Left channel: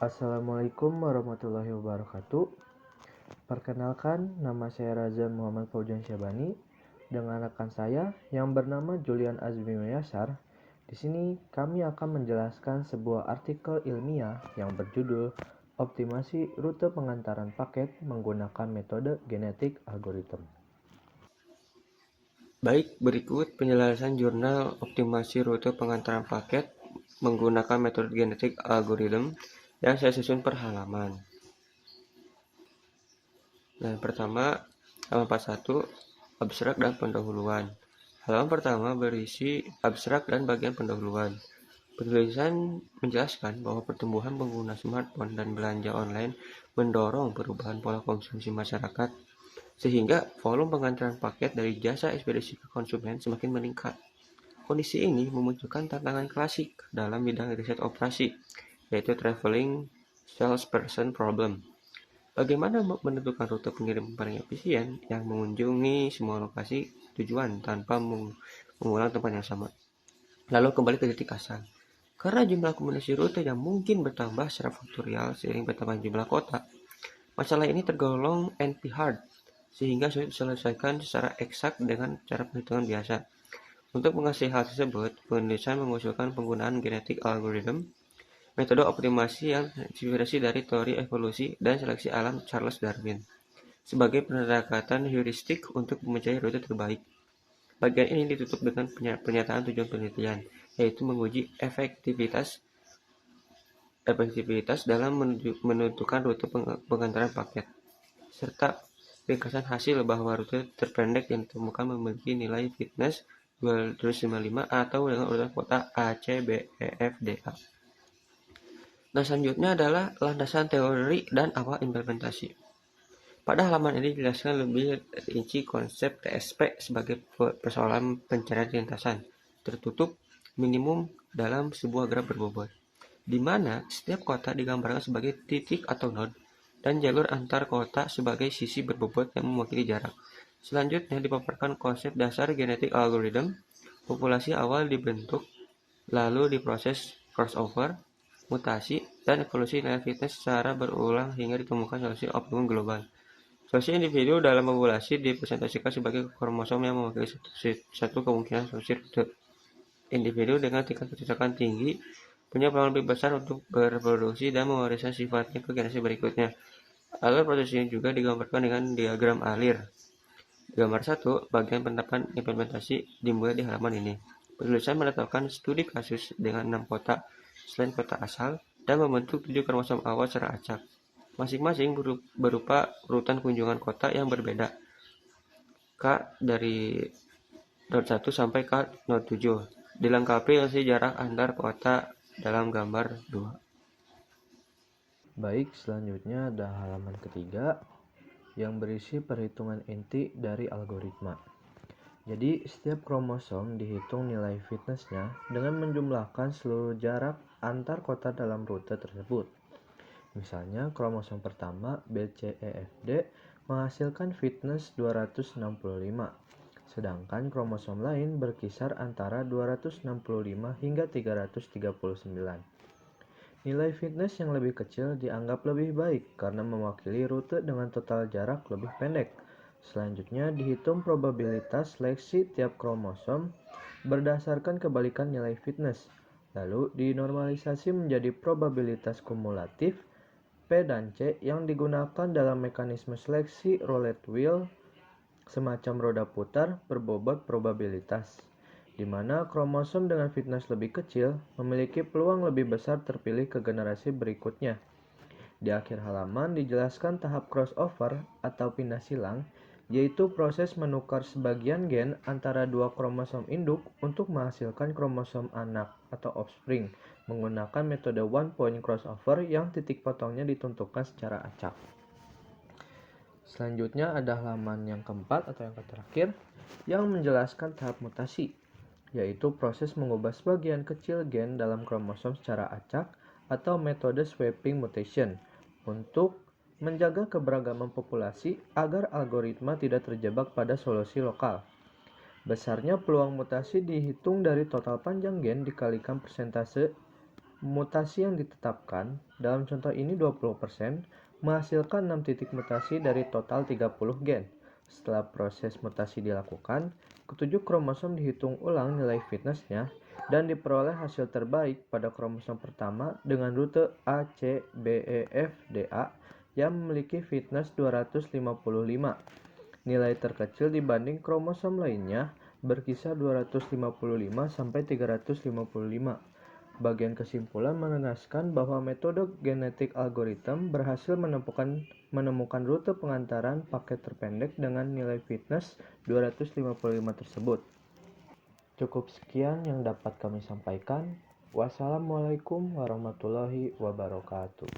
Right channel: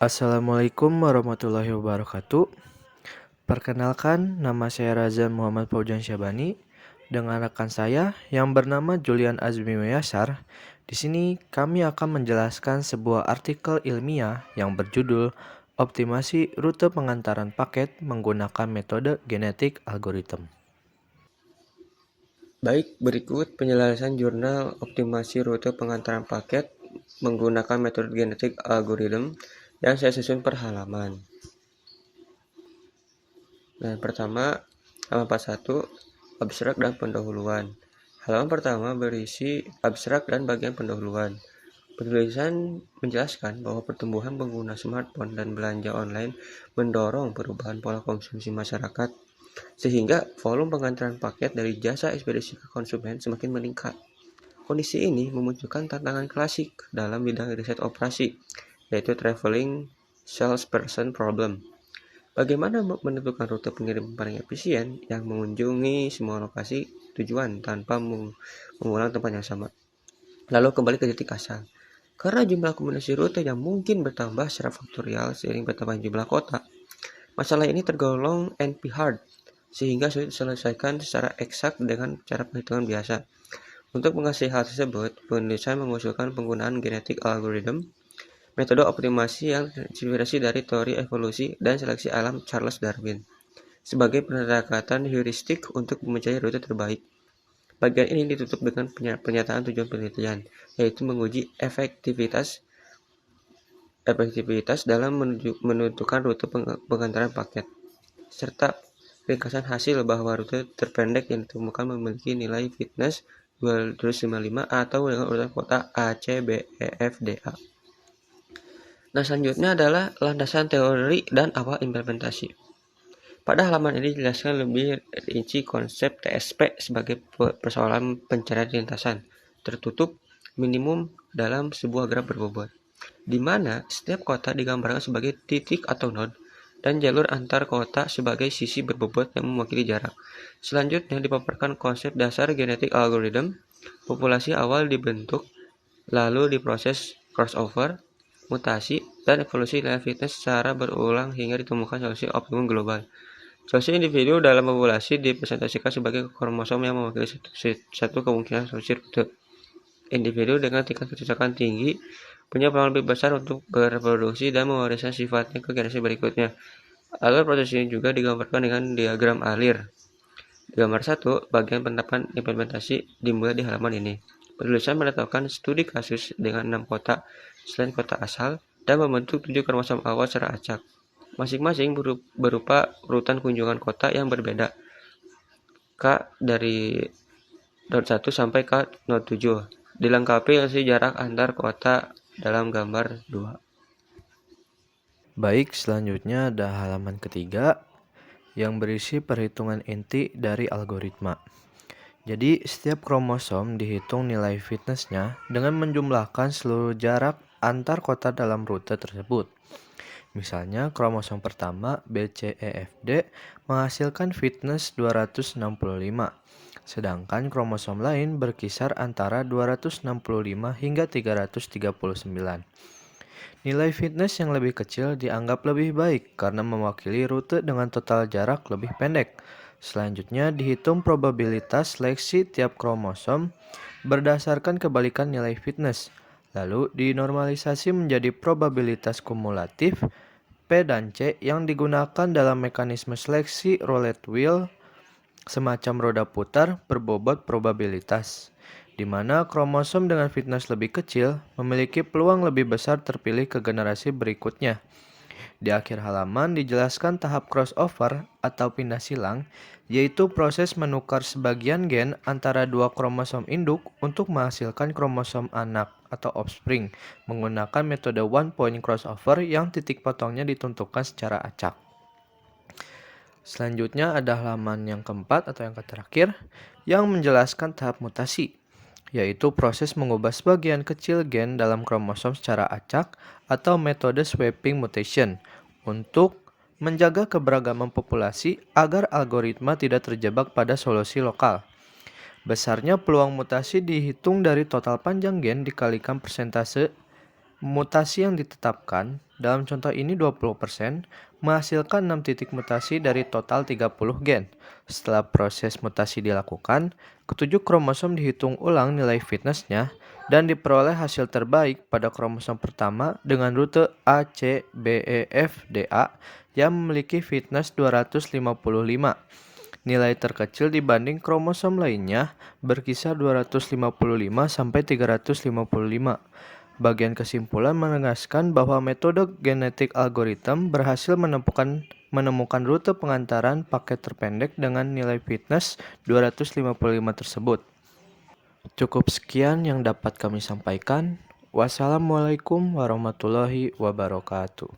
Assalamualaikum warahmatullahi wabarakatuh. Perkenalkan, nama saya Razan Muhammad Faujan Syabani dengan rekan saya yang bernama Julian Azmi Mayasar. Di sini kami akan menjelaskan sebuah artikel ilmiah yang berjudul Optimasi Rute Pengantaran Paket Menggunakan Metode Genetik Algorithm. Baik, berikut penjelasan jurnal optimasi rute pengantaran paket menggunakan metode genetik algorithm yang saya susun per halaman. Nah, pertama, halaman 41, abstrak dan pendahuluan. Halaman pertama berisi abstrak dan bagian pendahuluan. Penulisan menjelaskan bahwa pertumbuhan pengguna smartphone dan belanja online mendorong perubahan pola konsumsi masyarakat, sehingga volume pengantaran paket dari jasa ekspedisi ke konsumen semakin meningkat. Kondisi ini memunculkan tantangan klasik dalam bidang riset operasi, yaitu traveling salesperson problem. Bagaimana menentukan rute pengirim paling efisien yang mengunjungi semua lokasi tujuan tanpa mengulang tempat yang sama. Lalu kembali ke titik asal. Karena jumlah kombinasi rute yang mungkin bertambah secara faktorial seiring bertambahnya jumlah kota, masalah ini tergolong NP-hard, sehingga sulit diselesaikan secara eksak dengan cara perhitungan biasa. Untuk mengatasi hal tersebut, penulisan mengusulkan penggunaan genetik algorithm, metode optimasi yang terinspirasi dari teori evolusi dan seleksi alam Charles Darwin, sebagai pendekatan heuristik untuk mencari rute terbaik. Bagian ini ditutup dengan pernyataan tujuan penelitian, yaitu menguji efektivitas dalam menentukan rute pengantaran paket, serta ringkasan hasil bahwa rute terpendek yang ditemukan memiliki nilai fitness 255 atau dengan urutan kota A, C, B, E, F, D, A. Nah, selanjutnya adalah landasan teori dan awal implementasi. Pada halaman ini dijelaskan lebih rinci konsep TSP sebagai persoalan pencarian lintasan tertutup minimum dalam sebuah graf berbobot, di mana setiap kota digambarkan sebagai titik atau node dan jalur antar kota sebagai sisi berbobot yang mewakili jarak. Selanjutnya dipaparkan konsep dasar genetik algorithm. Populasi awal dibentuk, lalu diproses crossover, mutasi, dan evolusi nilai fitness secara berulang hingga ditemukan solusi optimum global. Solusi individu dalam populasi dipresentasikan sebagai kromosom yang mewakili satu kemungkinan solusi rute. Individu dengan tingkat kecocokan tinggi punya peluang lebih besar untuk bereproduksi dan mewariskan sifatnya ke generasi berikutnya. Alur proses ini juga digambarkan dengan diagram alir. Gambar 1, bagian penerapan implementasi dimulai di halaman ini. Penulisan menetapkan studi kasus dengan 6 kota selain kota asal dan membentuk 7 kromosom awal secara acak. Masing-masing berupa urutan kunjungan kota yang berbeda. K dari node 1 sampai K node 7. Dilengkapi dengan jarak antar kota dalam gambar 2. Baik, selanjutnya ada halaman ketiga yang berisi perhitungan inti dari algoritma. Jadi, setiap kromosom dihitung nilai fitnessnya dengan menjumlahkan seluruh jarak antar kota dalam rute tersebut. Misalnya, kromosom pertama BCEFD menghasilkan fitness 265, sedangkan kromosom lain berkisar antara 265 hingga 339. Nilai fitness yang lebih kecil dianggap lebih baik karena mewakili rute dengan total jarak lebih pendek. Selanjutnya dihitung probabilitas seleksi tiap kromosom berdasarkan kebalikan nilai fitness. Lalu dinormalisasi menjadi probabilitas kumulatif P dan C yang digunakan dalam mekanisme seleksi roulette wheel, semacam roda putar berbobot probabilitas, di mana kromosom dengan fitness lebih kecil memiliki peluang lebih besar terpilih ke generasi berikutnya. Di akhir halaman dijelaskan tahap crossover atau pindah silang, yaitu proses menukar sebagian gen antara dua kromosom induk untuk menghasilkan kromosom anak atau offspring menggunakan metode one point crossover yang titik potongnya ditentukan secara acak. Selanjutnya ada halaman yang keempat atau yang terakhir yang menjelaskan tahap mutasi, yaitu proses mengubah sebagian kecil gen dalam kromosom secara acak atau metode swapping mutation untuk menjaga keberagaman populasi agar algoritma tidak terjebak pada solusi lokal. Besarnya peluang mutasi dihitung dari total panjang gen dikalikan persentase Mutasi yang ditetapkan, dalam contoh ini 20%, menghasilkan 6 titik mutasi dari total 30 gen. Setelah proses mutasi dilakukan, ketujuh kromosom dihitung ulang nilai fitnessnya dan diperoleh hasil terbaik pada kromosom pertama dengan rute A, C, B, E, F, D, A yang memiliki fitness 255. Nilai terkecil dibanding kromosom lainnya berkisar 255 sampai 355. Bagian kesimpulan menegaskan bahwa metode genetik algoritma berhasil menemukan rute pengantaran paket terpendek dengan nilai fitness 255 tersebut. Cukup sekian yang dapat kami sampaikan. Wassalamualaikum warahmatullahi wabarakatuh.